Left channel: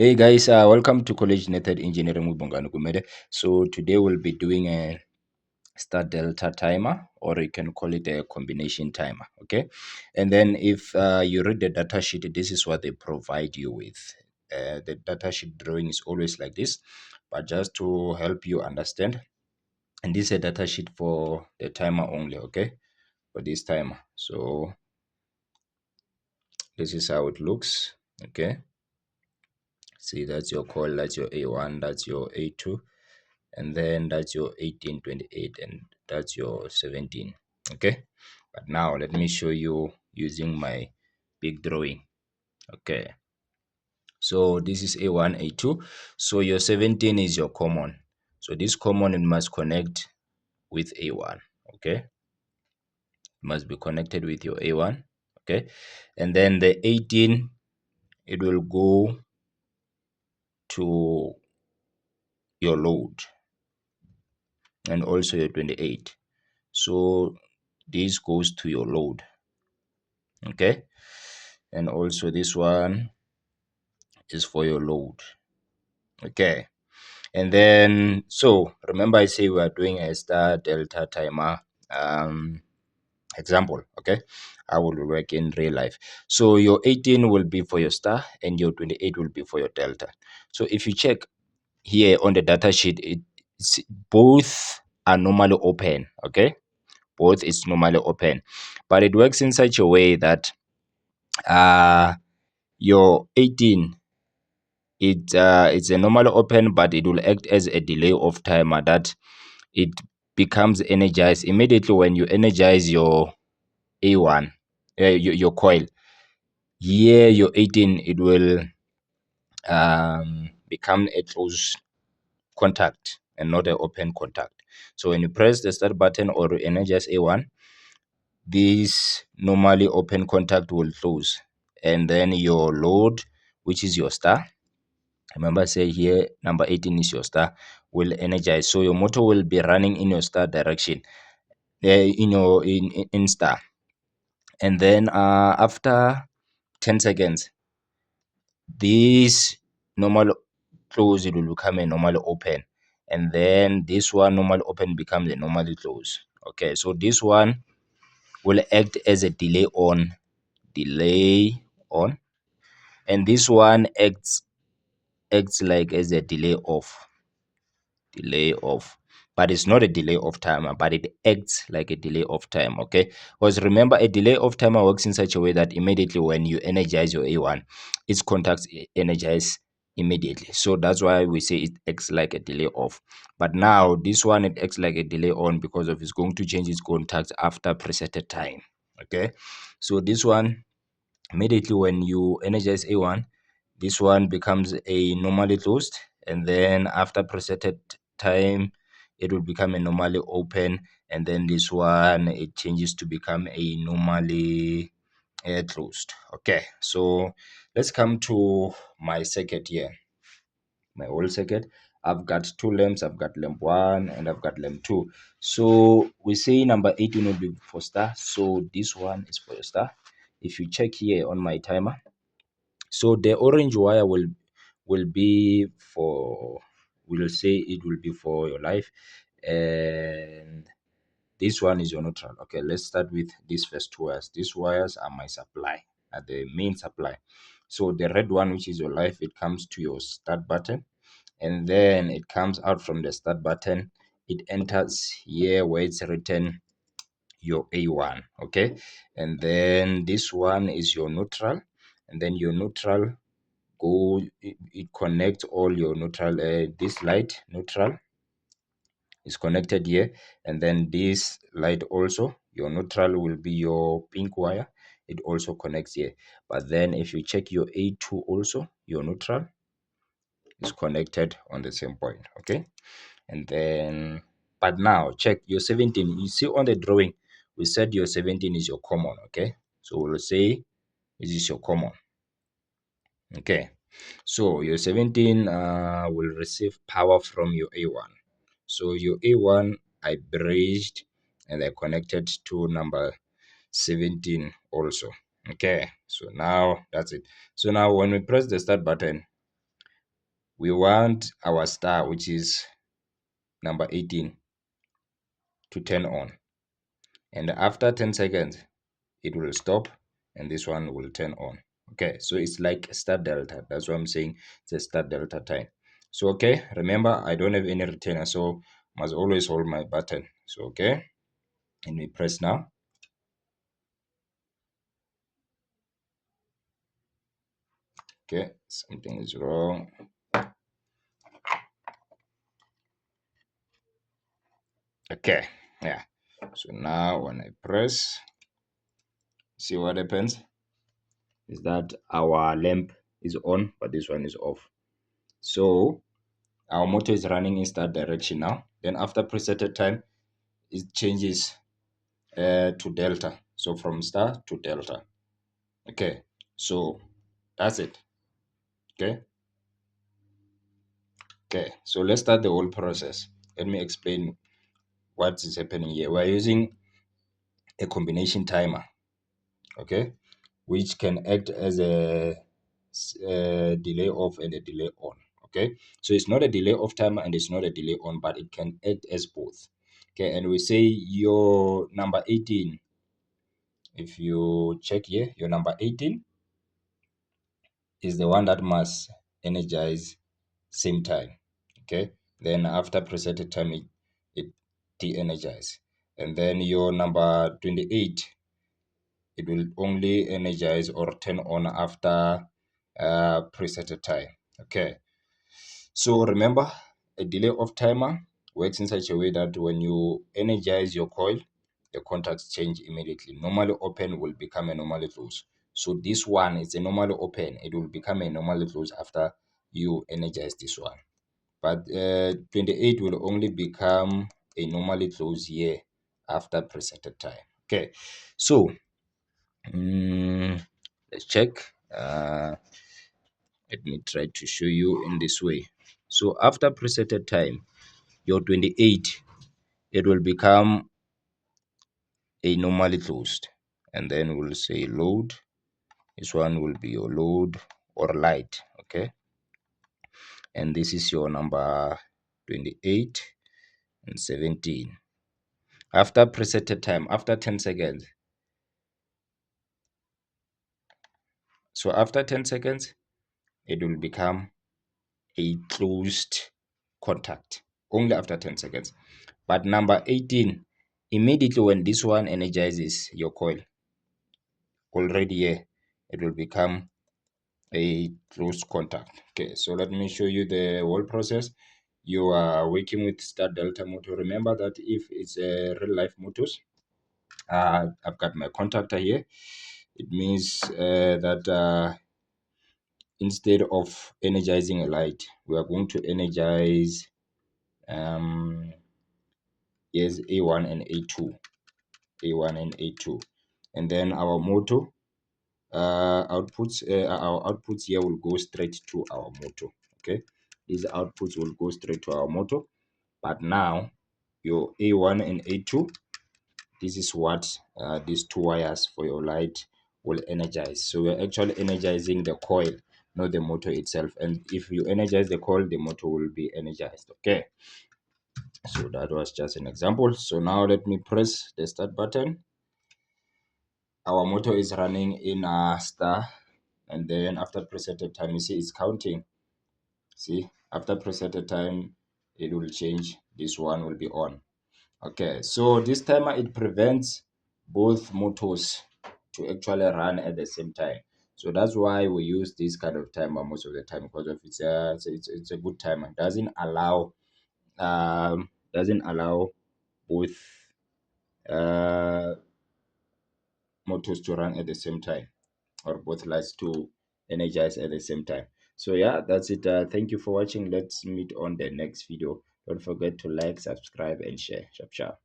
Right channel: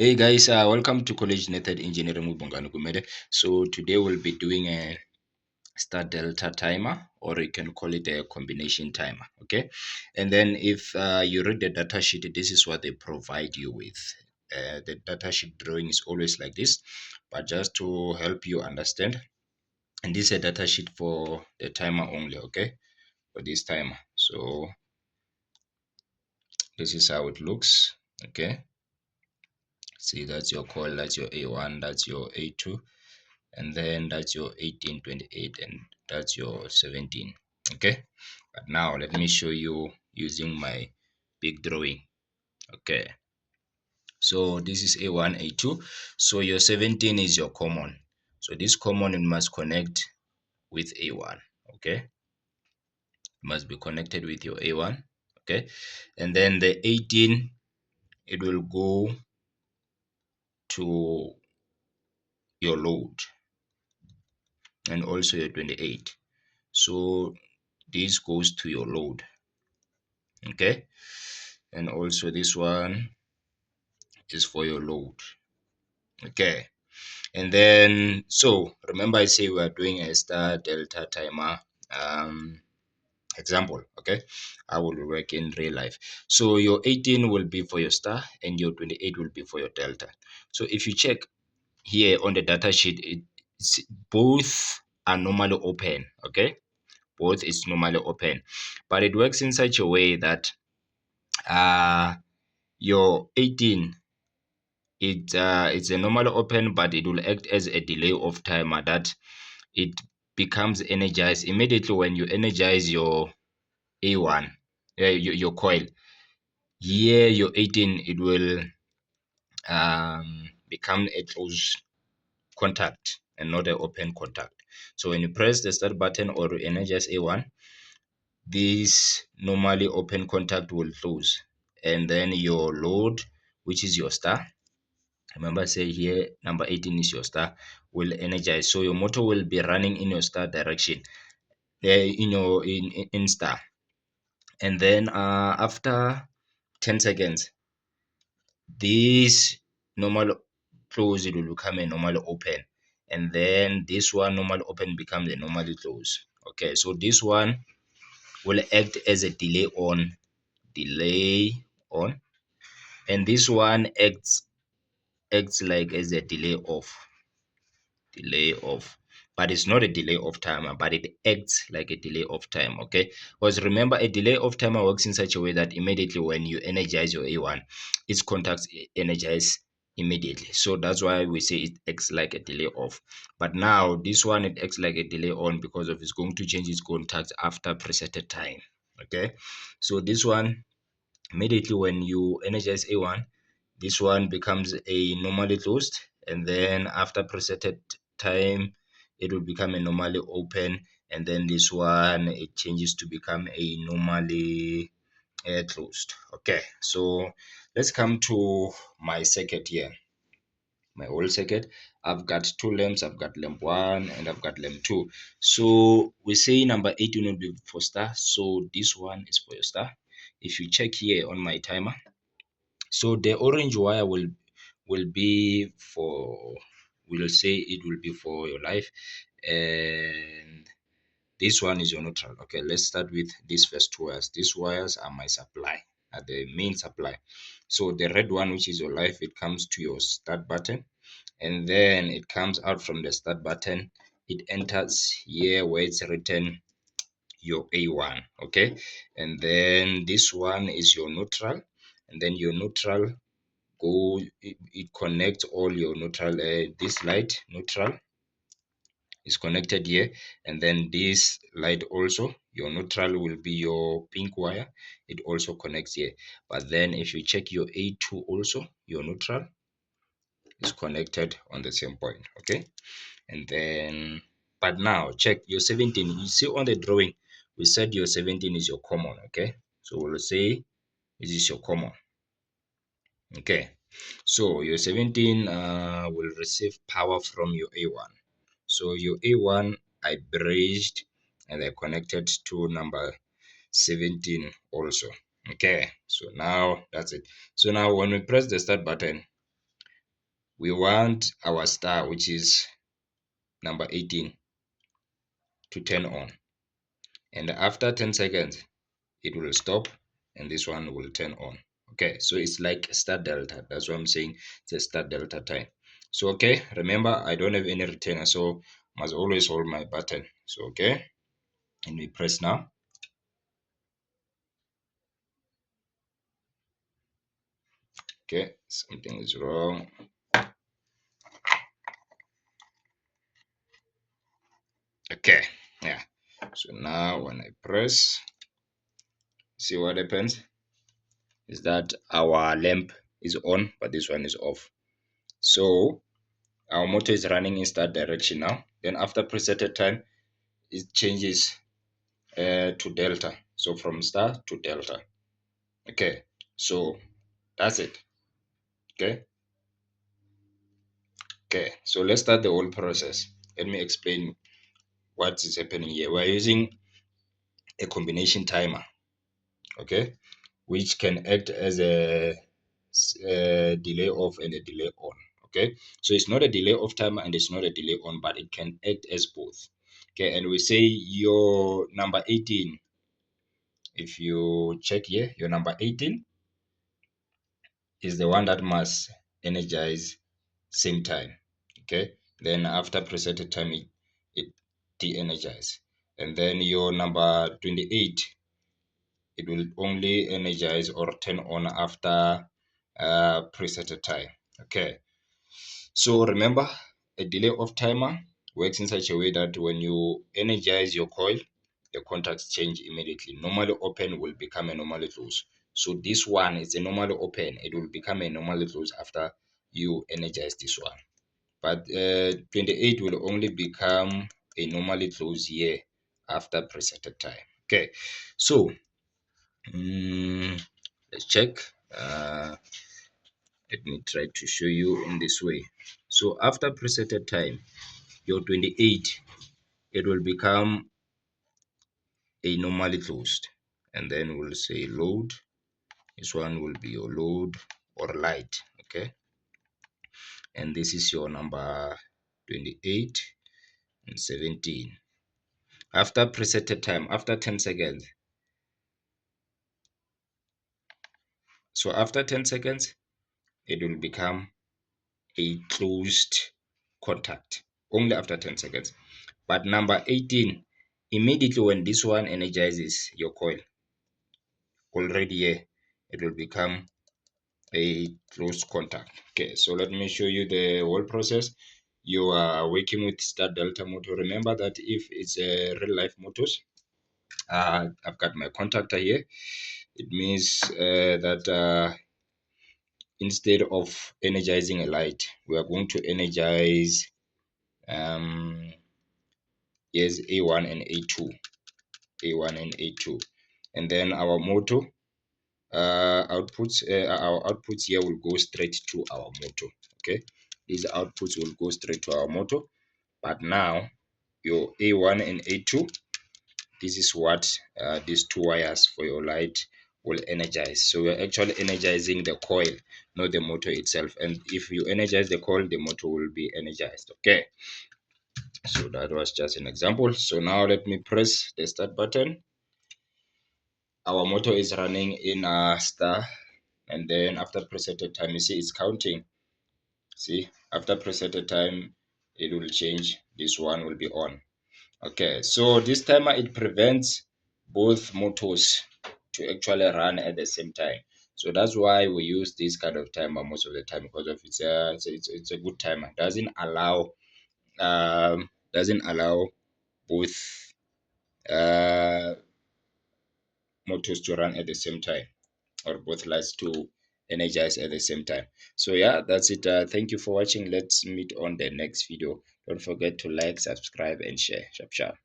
Hey guys, welcome to College Method Engineering with Bongani Kumede. So today we'll be doing a star delta timer, or you can call it a combination timer. Okay, and then if you read the data sheet, this is what they provide you with. The data sheet drawing is always like this, but just to help you understand, and this is a data sheet for the timer only. Okay, for this timer. So this is how it looks. Okay, see, that's your coil, that's your A1, that's your A2, and then that's your 18, 28, and that's your 17. Okay, but now let me show you using my big drawing. Okay, so this is A1, A2. So your 17 is your common, so this common, it must connect with A1. Okay, it must be connected with your A1. Okay, and then the 18, it will go to your load, and also your 28. So this goes to your load. Okay, and also this one is for your load. Okay, and then so remember, I say we are doing a star delta timer example. Okay, I will work in real life. So your 18 will be for your star and your 28 will be for your delta. So if you check here on the data sheet, it's both are normally open. Okay, both is normally open, but it works in such a way that your 18, it's a normal open, but it will act as a delay of timer that it becomes energized immediately when you energize your A1, your coil. Here your 18, it will become a close contact and not an open contact. So when you press the start button or energize A1, this normally open contact will close, and then your load, which is your star, remember, say here number 18 is your star, will energize. So your motor will be running in your star direction, in your in star. And then after 10 seconds, this normal close, it will become a normal open. And then this one normal open becomes a normally close. Okay, so this one will act as a delay on, and this one acts like as a delay off, but it's not a delay of timer, but it acts like a delay of time. Okay, because remember, a delay of timer works in such a way that immediately when you energize your A1, its contacts energize immediately. So that's why we say it acts like a delay off. But now this one, it acts like a delay on because of it's going to change its contacts after preset time. Okay, so this one, immediately when you energize A1, this one becomes a normally closed, and then after preset time, it will become a normally open, and then this one, it changes to become a normally closed. Okay, so let's come to my circuit here, my old circuit. I've got two lamps. I've got lamp one and I've got lamp two. So we say number 18 will be for star, so this one is for your star. If you check here on my timer, so the orange wire will be for, we'll say it will be for your life, and this one is your neutral. Okay, let's start with these first two wires. These wires are my supply, are the main supply. So the red one, which is your life, it comes to your start button, and then it comes out from the start button. It enters here where it's written your A1. Okay, and then this one is your neutral, and then your neutral it connects all your neutral. This light neutral is connected here, and then this light also, your neutral will be your pink wire, it also connects here. But then if you check your A2 also, your neutral is connected on the same point. Okay, and then, but now check your 17. You see on the drawing, we said your 17 is your common. Okay, so we'll say this is your common. Okay, so your 17 will receive power from your A1. So your A1, I bridged and I connected to number 17 also. Okay, so now that's it. So now when we press the start button, we want our star, which is number 18, to turn on. And after 10 seconds, it will stop and this one will turn on. Okay, so it's like start delta. That's what I'm saying. It's a start delta time. So okay, remember I don't have any retainer, so must always hold my button. So okay, and we press now. Okay, something is wrong. Okay, yeah. So now when I press, see what happens is that our lamp is on, but this one is off. So our motor is running in that direction now. Then after preset time, it changes to delta. So from star to delta. Okay, so that's it. Okay, okay. So let's start the whole process. Let me explain what is happening here. We're using a combination timer. Okay, which can act as a delay off and a delay on. Okay, so it's not a delay off timer and it's not a delay on, but it can act as both. Okay, and we say your number 18, if you check here, your number 18 is the one that must energize same time. Okay, then after preset time, it de-energize. And then your number 28, it will only energize or turn on after preset time. Okay, so remember, a delay of timer works in such a way that when you energize your coil, the contacts change immediately. Normally open will become a normally close. So this one is a normally open, it will become a normally close after you energize this one. But 28 will only become a normally close here after preset time. Okay, so let's check. Let me try to show you in this way. So after preset time, your 28, it will become a normally closed. And then we'll say load. This one will be your load or light. Okay. And this is your number 28 and 17. After preset time, after 10 seconds. So after 10 seconds, it will become a closed contact only after 10 seconds. But number 18, immediately when this one energizes your coil, already here, it will become a closed contact. Okay, so let me show you the whole process. You are working with start delta motor. Remember that if it's a real life motors, I've got my contactor here. It means that instead of energizing a light, we are going to energize yes, A1 and A2, A1 and A2, and then our motor our outputs here will go straight to our motor. Okay, these outputs will go straight to our motor. But now your A1 and A2, this is what these two wires for your light will energize. So we're actually energizing the coil, not the motor itself. And if you energize the coil, the motor will be energized. Okay, so that was just an example. So now let me press the start button. Our motor is running in a star, and then after preset time, you see it's counting. See, after preset time, it will change. This one will be on. Okay, so this timer, it prevents both motors to actually run at the same time. So that's why we use this kind of timer most of the time, because of it's a good timer. Doesn't allow both uh motors to run at the same time, or both lights to energize at the same time. So yeah, that's it. Thank you for watching. Let's meet on the next video. Don't forget to like, subscribe, and share. Sharp sharp.